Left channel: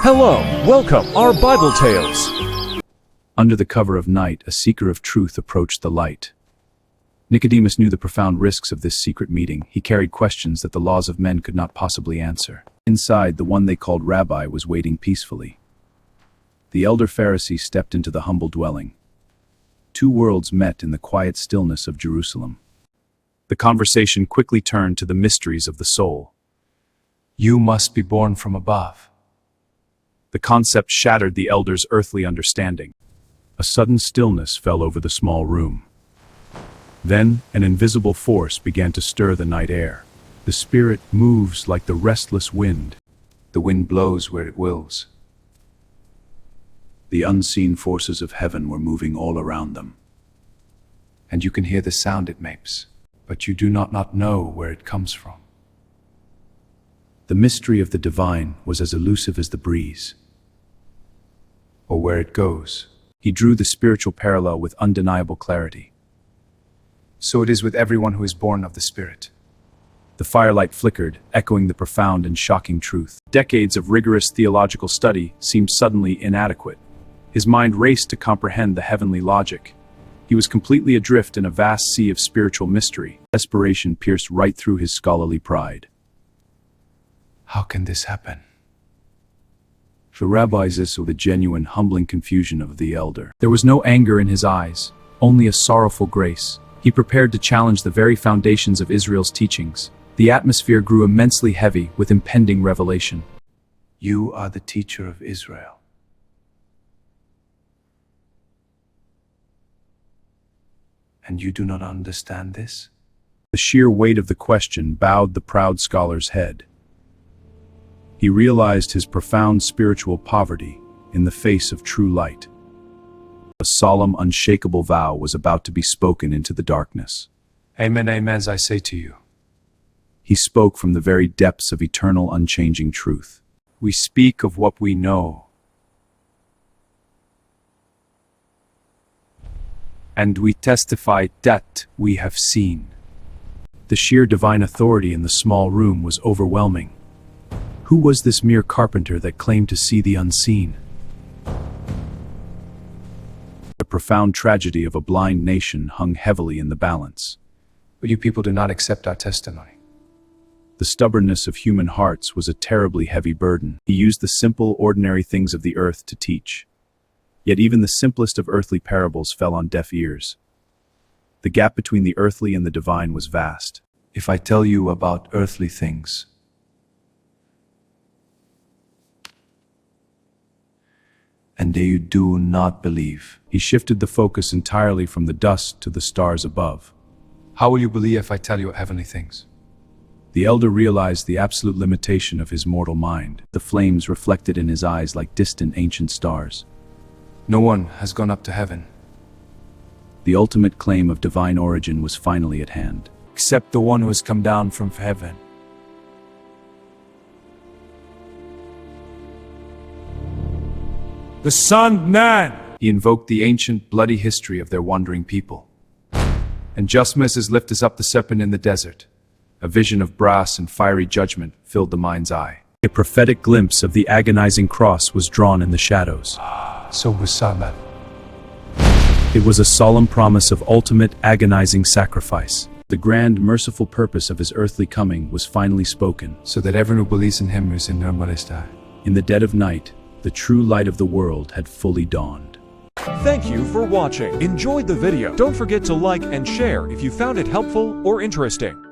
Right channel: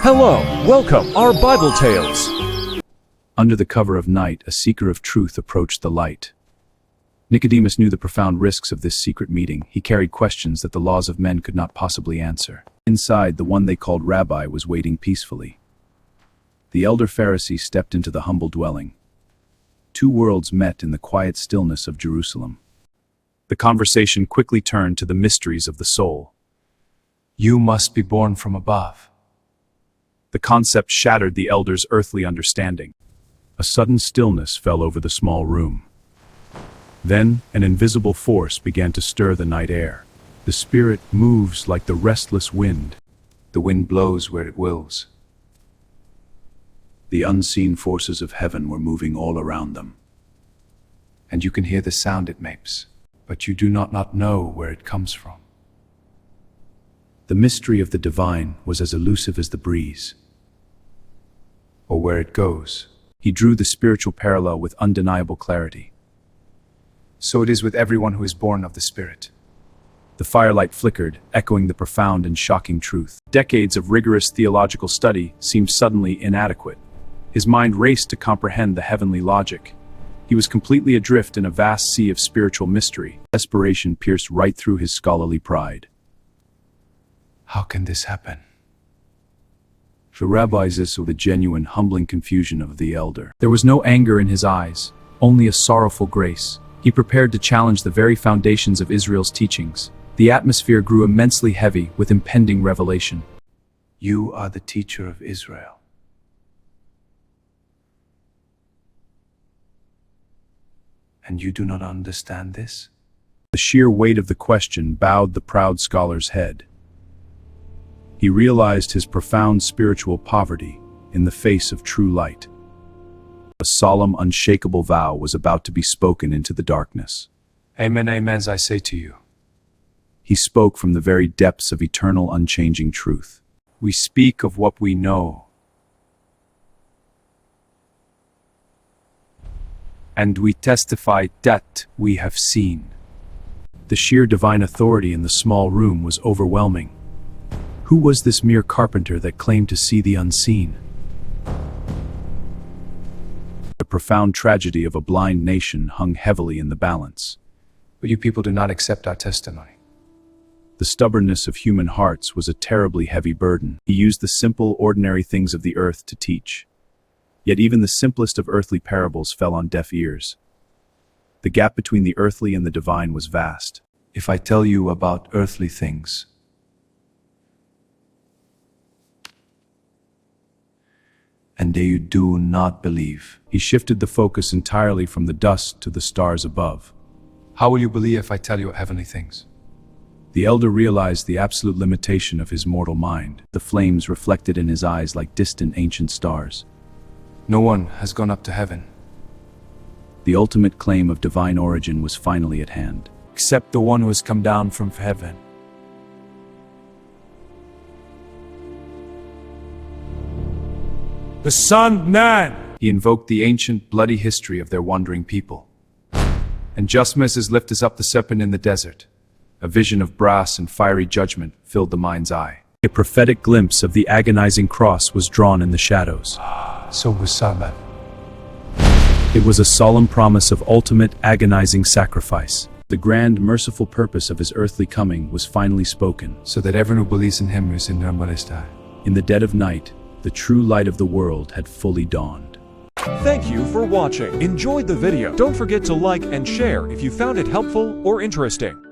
Hello, welcome our Bible tales. Under the cover of night, a seeker of truth approached the light. Nicodemus knew the profound risks of this secret meeting. He carried questions that the laws of men could not possibly answer. Inside, the one they called Rabbi was waiting peacefully. The elder Pharisee stepped into the humble dwelling. Two worlds met in the quiet stillness of Jerusalem. The conversation quickly turned to the mysteries of the soul. "You must be born from above." The concept shattered the elder's earthly understanding. A sudden stillness fell over the small room. Then an invisible force began to stir the night air. The spirit moves like the restless wind. The wind blows where it wills. The unseen forces of heaven were moving all around them. And you can hear the sound it makes, but you do not know where it comes from. The mystery of the divine was as elusive as the breeze, or where it goes. He drew the spiritual parallel with undeniable clarity. So it is with everyone who is born of the Spirit. The firelight flickered, echoing the profound and shocking truth. Decades of rigorous theological study seemed suddenly inadequate. His mind raced to comprehend the heavenly logic. He was completely adrift in a vast sea of spiritual mystery. Desperation pierced right through his scholarly pride. How can this happen? The rabbi saw the genuine, humbling confusion of the elder. There was no anger in his eyes, only a sorrowful grace. He prepared to challenge the very foundations of Israel's teachings. The atmosphere grew immensely heavy with impending revelation. "You are the teacher of Israel. And you do not understand this?" The sheer weight of the question bowed the proud scholar's head. He realized his profound spiritual poverty in the face of true light. A solemn, unshakable vow was about to be spoken into the darkness. "Amen, amen, I say to you." He spoke from the very depths of eternal, unchanging truth. "We speak of what we know, and we testify that we have seen." The sheer divine authority in the small room was overwhelming. Who was this mere carpenter that claimed to see the unseen? The profound tragedy of a blind nation hung heavily in the balance. "But you people do not accept our testimony." The stubbornness of human hearts was a terribly heavy burden. He used the simple, ordinary things of the earth to teach. Yet even the simplest of earthly parables fell on deaf ears. The gap between the earthly and the divine was vast. "If I tell you about earthly things, and you do not believe." He shifted the focus entirely from the dust to the stars above. "How will you believe if I tell you heavenly things?" The elder realized the absolute limitation of his mortal mind. The flames reflected in his eyes like distant ancient stars. "No one has gone up to heaven." The ultimate claim of divine origin was finally at hand. "Except the one who has come down from heaven." "The Son of Man!" He invoked the ancient, bloody history of their wandering people. "And just as his lift is up the serpent in the desert," a vision of brass and fiery judgment filled the mind's eye. A prophetic glimpse of the agonizing cross was drawn in the shadows. So was Serpent. It was a solemn promise of ultimate, agonizing sacrifice. The grand, merciful purpose of his earthly coming was finally spoken. So that everyone who believes in him is in no more die. In the dead of night, the true light of the world had fully dawned. Thank you for watching. Enjoyed the video? Don't forget to like and share if you found it helpful or interesting.